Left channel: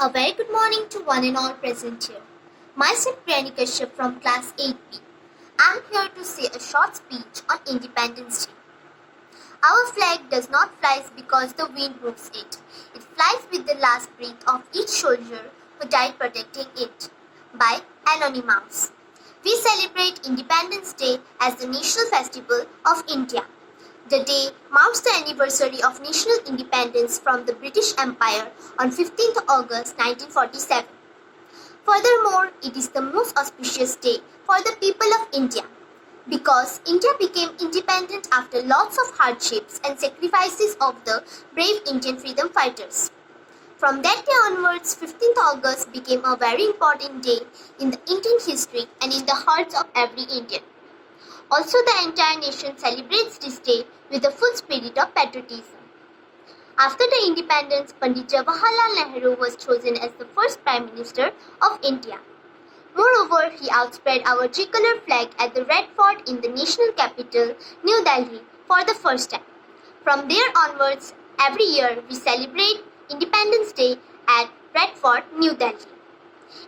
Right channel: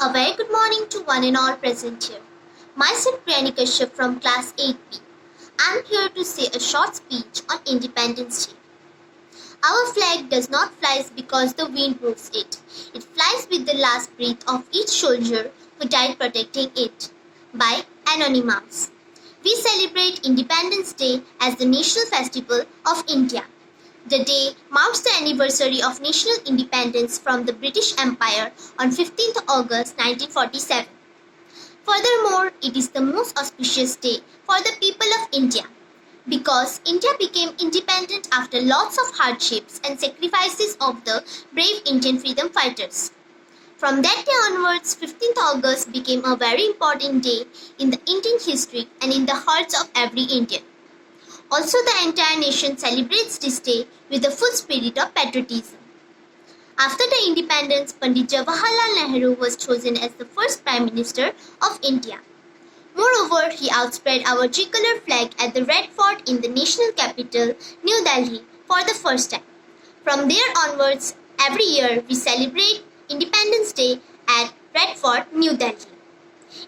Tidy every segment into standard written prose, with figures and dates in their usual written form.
A very good morning to one and all present here. Myself Priyani Kashyap from class 8B. I am here to say a short speech on Independence Day. Our flag does not fly because the wind moves it. It flies with the last breath of each soldier who died protecting it. By Anonymous. We celebrate Independence Day as the national festival of India. The day marks the anniversary of national independence from the British Empire on 15th August 1947. Furthermore, it is the most auspicious day for the people of India because India became independent after lots of hardships and sacrifices of the brave Indian freedom fighters. From that day onwards, 15th August became a very important day in the Indian history and in the hearts of every Indian. Also, the entire nation celebrates this day with the full spirit of patriotism. After the independence, Pandit Jawaharlal Nehru was chosen as the first Prime Minister of India. Moreover, he outspread our tricolor flag at the Red Fort in the national capital, New Delhi, for the first time. From there onwards, every year we celebrate Independence Day at Red Fort, New Delhi.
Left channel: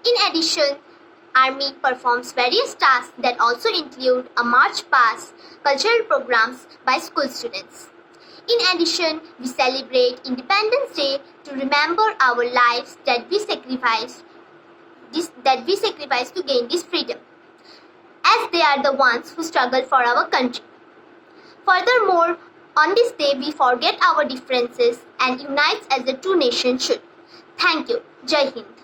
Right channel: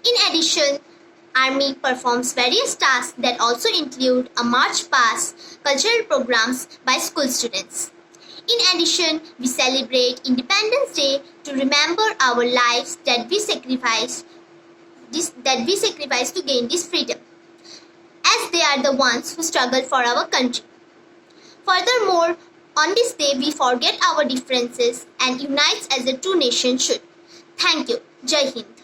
In addition, Army performs various tasks that also include a march past, cultural programs by school students. In addition, we celebrate Independence Day to remember our lives that we sacrificed to gain this freedom, as they are the ones who struggled for our country. Furthermore, on this day we forget our differences and unite as a true nation should. Thank you. Jai Hind.